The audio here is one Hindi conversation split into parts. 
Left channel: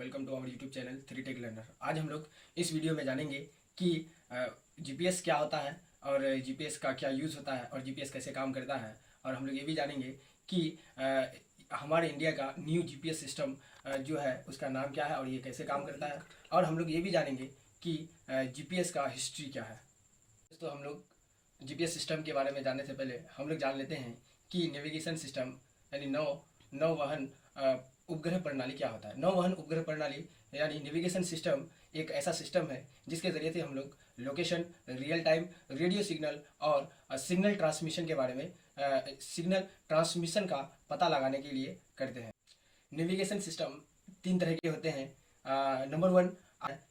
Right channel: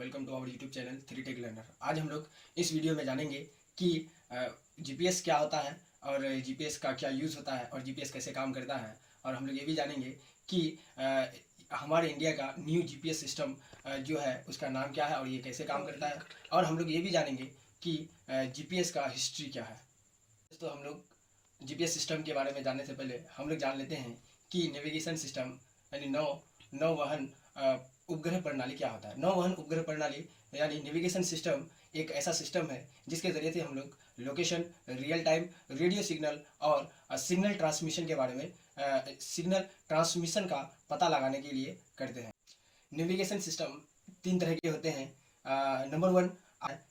Welcome to our YouTube channel 3टेक लर्नर। आज हम लोग इस वीडियो में जानेंगे कि जीपीएस क्या होता है और जीपीएस का क्या यूज़ होता है और जीपीएस कैसे काम करता है। और हम लोग ये भी जानेंगे कि हमारे इंडिया का न्यू जीपीएस सिस्टम जो है उसका नाम क्या है और ये कैसे काम करता है। और हम लोग ये भी जानेंगे कि जीपीएस का हिस्ट्री क्या है। दोस्तों, हम लोग जीपीएस सिस्टम के बारे में जानने से पहले हम लोग जान लेते हैं कि नेविगेशन सिस्टम यानी नौवहन उपग्रह प्रणाली क्या होता है। नौवहन उपग्रह प्रणाली यानी नेविगेशन सिस्टम एक ऐसा सिस्टम है जिसके जरिए से हम लोग location, real time radio signal और सिग्नल ट्रांसमिशन के बारे में सिग्नल ट्रांसमिशन का पता लगाने के लिए करते हैं। नेविगेशन सिस्टम तीन तरह के होते हैं। Number 1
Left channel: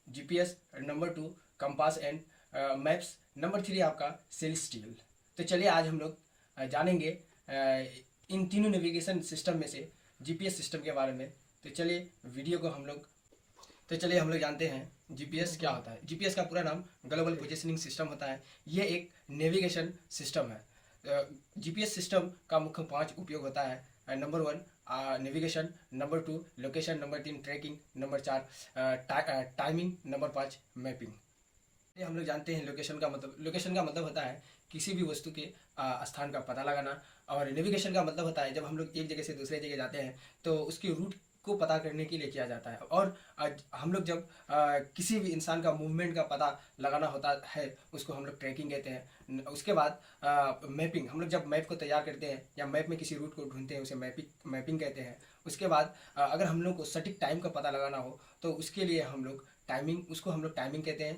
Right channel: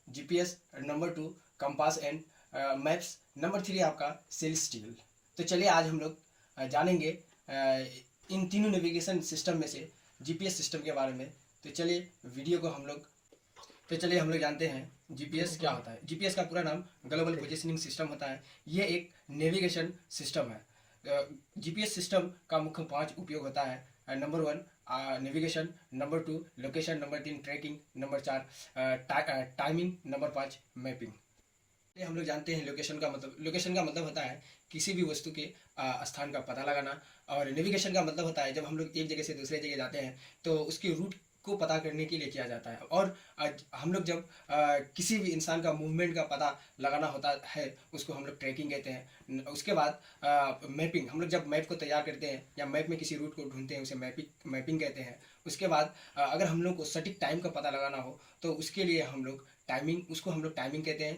GPS, number 2 compass and maps, number 3 आपका सेलेस्टियल। तो चलिए आज हम लोग जानेंगे इन तीनों नेविगेशन सिस्टम में से जीपीएस सिस्टम के बारे में। तो चलिए हम लोग जानते हैं जीपीएस क्या होता है। जीपीएस का पूरा नाम ग्लोबल पोजिशनिंग सिस्टम होता है। ये एक नेविगेशन सिस्टम है। जीपीएस सिस्टम का मुख्य 5 उपयोग होता है। Number 1 navigation, number 2 location, number 3 tracking, number 4 timing, number 5 mapping. हम लोग जानते हैं लोकेशन का मतलब होता है किसी भी वस्तु के स्थान का पता लगाना। और नेविगेशन का मतलब होता है जब हम लोग एक जगह से दूसरे जगह जाते हैं तो उसके रूट को पता करने के लिए किया जाता है। और हम लोग जब किसी भी इंसान का मूवमेंट का पता लगाना होता है उसको हम लोग ट्रैकिंग कहते हैं। उसके बाद मैपिंग, हम लोग जब मैप को तैयार करते हैं या मैप में किसी रूट को ढूंढते हैं उसे मैपिंग कहते हैं। उसके बाद अगर हम लोग को सटीक टाइम का पता लगाना हो तो उसके लिए हम लोग टाइमिंग कहते हैं।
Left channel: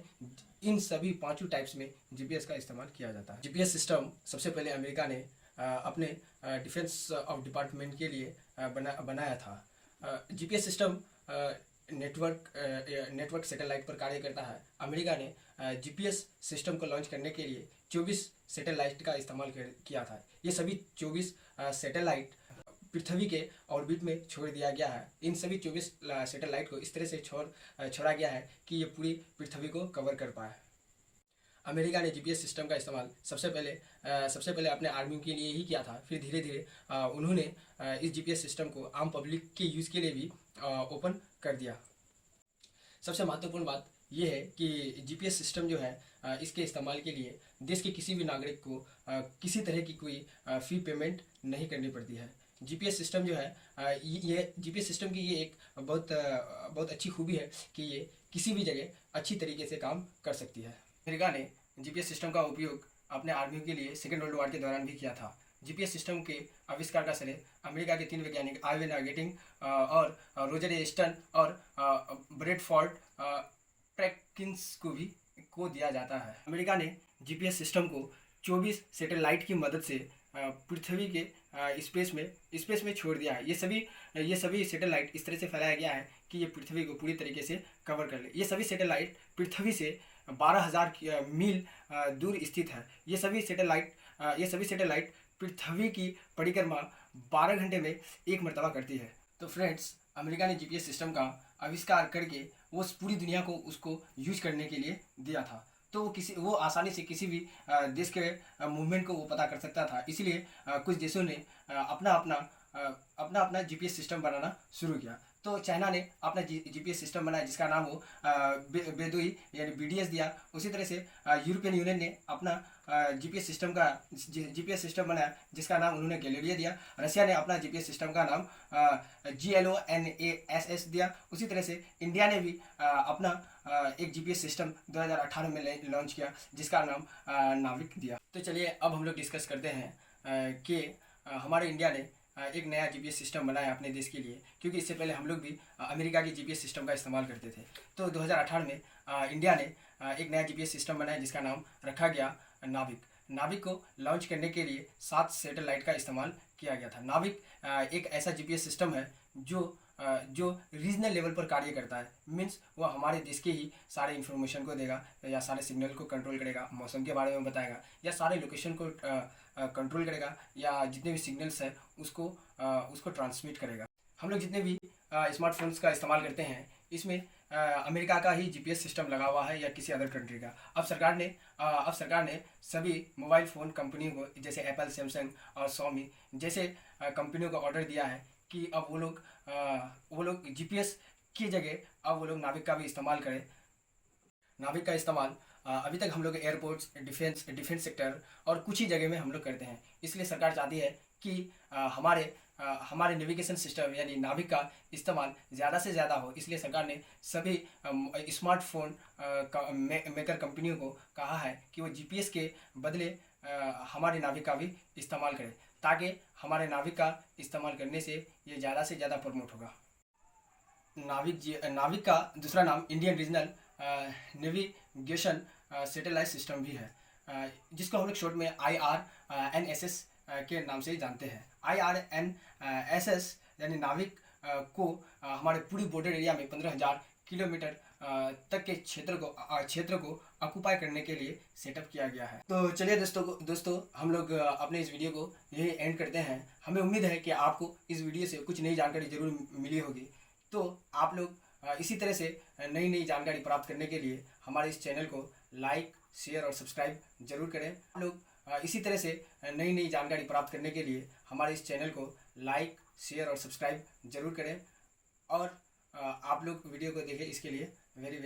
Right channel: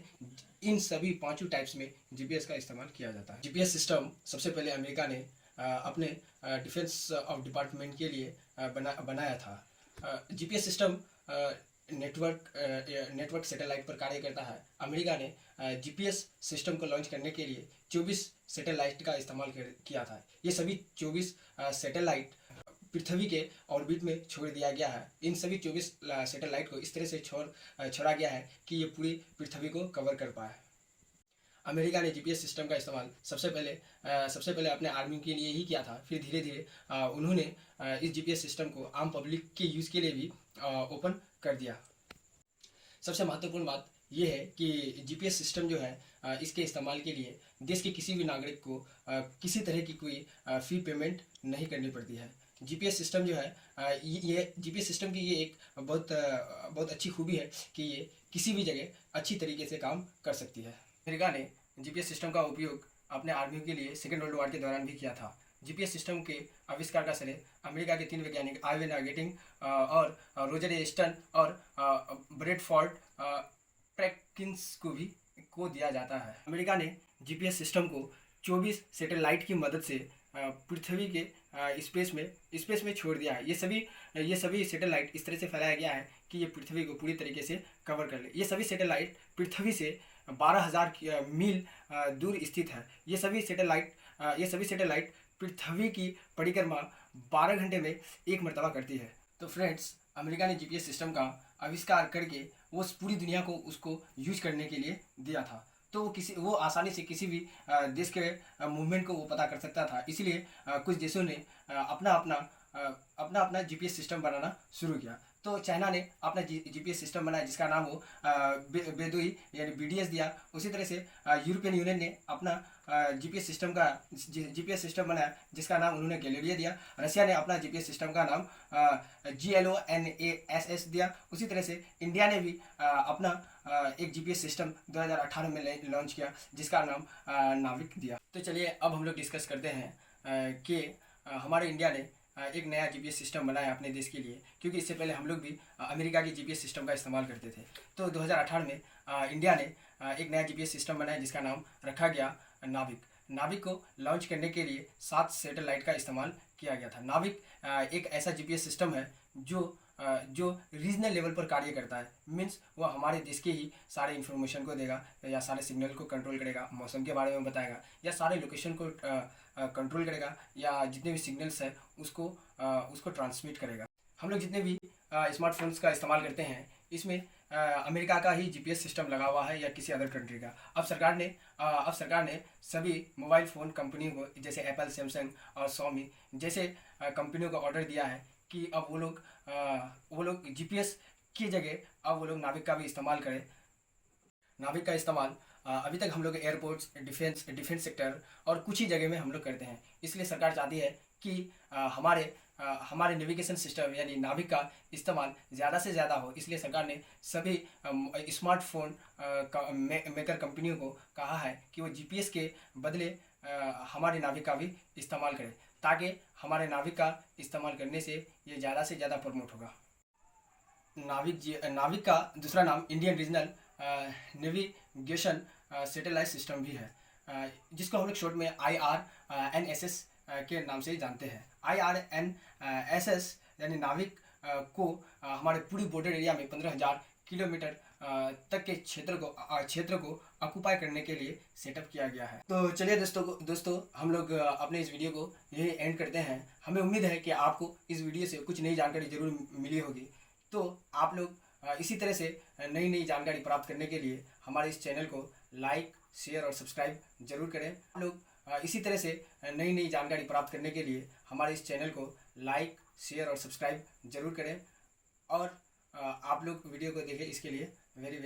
इन सभी पांचों टाइप्स में जीपीएस का इस्तेमाल किया जाता है। जीपीएस सिस्टम सबसे पहले अमेरिका ने अपने डिफेंस ऑफ डिपार्टमेंट के लिए बनाया था। जीपीएस सिस्टम नेटवर्क सैटेलाइट पर कार्य करता है। अमेरिका ने जीपीएस सिस्टम को लॉन्च करने के लिए 24 सैटेलाइट का इस्तेमाल किया था। ये सभी 24 सैटेलाइट पृथ्वी के ऑर्बिट में छोड़ दिया गया है। इन सभी 24 सैटेलाइट को इस तरह से छोड़ा गया है कि ये पूरी पृथ्वी को कवर कर पाए। अमेरिका ने जीपीएस सिस्टम का इस्तेमाल सबसे पहले अपने आर्मी के लिए ही किया था। फिर धीरे धीरे उन्होंने इस जीपीएस सिस्टम को आम पब्लिक के यूज़ के लिए भी ओपन कर दिया। सबसे महत्वपूर्ण बात यह है कि जीपीएस सिस्टम जो है इसके इस्तेमाल के लिए देश के किसी भी नागरिक को किसी तरह की कोई फी पेमेंट नहीं करनी पड़ती है। जीपीएस सिस्टम जो है ये जीपीएस सिस्टम की ये एक बहुत अच्छी खूबी है कि ये किसी भी जगह अच्छी तरीके से काम कर सकती है। अमेरिका ने जीपीएस सिस्टम का उपयोग अपने आर्मी के लिए सेकेंड वर्ल्ड वॉर के दौरान भी किया था। जीपीएस सिस्टम के आविष्कार का श्रेय अमेरिका के 3 वैज्ञानिक आर्विन गेटिंग और रोजर एस्टन और ब्रेडफोर्ड ट्रैकिंस को दिया जाता है। अमेरिका ने जीपीएस सिस्टम को 24 सैटेलाइट की मदद से पृथ्वी के स्पेस में छोड़ दिया है। ये सभी सैटेलाइट इस तरह से फैलाया गया है कि ये पृथ्वी को पूरी तरीके से कवर कर ले। ये सभी सैटेलाइट पृथ्वी से 12,000 मील दूर स्थित है। ये सभी सैटेलाइट पृथ्वी की परिक्रमा 12 घंटे में एक मरतबा करती है। तो फ्रेंड्स, अमेरिका ने जीपीएस सिस्टम का आविष्कार करके वो पूरी दुनिया को उसको यूज करने के लिए दिया था। तो वो आसानी से किसी भी देश के मूवमेंट को वो पता कर सकता था। इसलिए कुछ देशों ने अपना जीपीएस सिस्टम बनाना शुरू किया। तो चाइना ने अपना जीपीएस सिस्टम बनाया जिसका नाम वो बेदुई यानी बीडीएस दिया। उसी तरह से यूरोपियन यूनियन ने अपना जीपीएस सिस्टम बनाया जिसका नाम उन्होंने गैलीलियो दिया। रशिया ने अपना जीपीएस सिस्टम का नाम GLONASS दिया। उसी तरह से इंडिया ने भी अपना एक जीपीएस सिस्टम 2018 में लॉन्च किया जिसका नाम नाविक दिया। तो चलिए अब हम लोग डिस्कस करते हैं कि हमारे इंडिया ने एक नया जीपीएस सिस्टम बनाया अपने देश के लिए, क्योंकि इससे पहले हम लोग भी अमेरिका की जीपीएस सिस्टम का इस्तेमाल करते थे। तो 2018 में इंडिया ने एक नया जीपीएस सिस्टम बनाया जिसका नाम रखा गया नाविक। नाविक को लॉन्च करने के लिए 7 सैटेलाइट का इस्तेमाल किया गया था। नाविक एक ऐसा जीपीएस सिस्टम है जो रीजनल लेवल पर कार्य करता है। मीन्स वो हमारे देश के ही सारे इन्फॉर्मेशन को देगा या सारे सिग्नल को कंट्रोल करेगा, मौसम के बारे में बताएगा या सारे लोकेशन को कंट्रोल करेगा या जितने भी सिग्नल्स हैं उसको ट्रांसमिट करेगा। हम लोग जितने भी स्मार्टफोन्स का इस्तेमाल करते हैं इसमें अमेरिका का ही जीपीएस सिस्टम लगा हुआ है या किसी अदर कंट्री का। अब सरकार ने सभी मोबाइल फ़ोन कंपनियों को जैसे एप्पल, सैमसंग और सोमी जैसे कंपनियों को ऑर्डर दिया है कि अब वो लोग जीपीएस की जगह अब वो लोग नाविक का भी इस्तेमाल करें। नाविक का इस्तेमाल अभी तक हम लोग एयरपोर्ट्स, डिफेंस सेक्टर और कुछ ही जगह में हम लोग करते हैं। इसलिए सरकार चाहती है कि हमारे नेविगेशन सिस्टम यानी नाविक का इस्तेमाल ज़्यादा से ज़्यादा हो। इसलिए सरकार ने सभी स्मार्टफोन मेकर कंपनियों को कहा है कि वो जीपीएस के बदले हमारे नाविक का भी इस्तेमाल करें, ताकि हमारे नाविक का इस्तेमाल करने से ये ज़्यादा से ज़्यादा प्रमोट होगा। नाविक का दूसरा नाम Indian regional navigation satellite system भी है, जिसको हम लोग शॉर्ट में IRNSS के नाम से जानते हैं। IRNSS यानी नाविक को हमारे पूरी बॉर्डर एरिया में 15,000 किलोमीटर तक के क्षेत्र को ऑक्युपाई करने के लिए सेटअप किया गया है। तो चलिए दोस्तों हम लोग अपने इस वीडियो को यही एंड करते हैं। हमें उम्मीद है कि आपको इस वीडियो से कुछ नई जानकारी जरूर मिली होगी। तो आप लोग इसी तरह से नई जानकारी प्राप्त करने के लिए हमारे इस चैनल को लाइक, शेयर और सब्सक्राइब जरूर करें। आप लोग इसी तरह से नई जानकारी प्राप्त करने के लिए हमारे इस चैनल को लाइक, शेयर और सब्सक्राइब जरूर करें। और आप लोग वीडियो को देखें, इसके लिए वेरी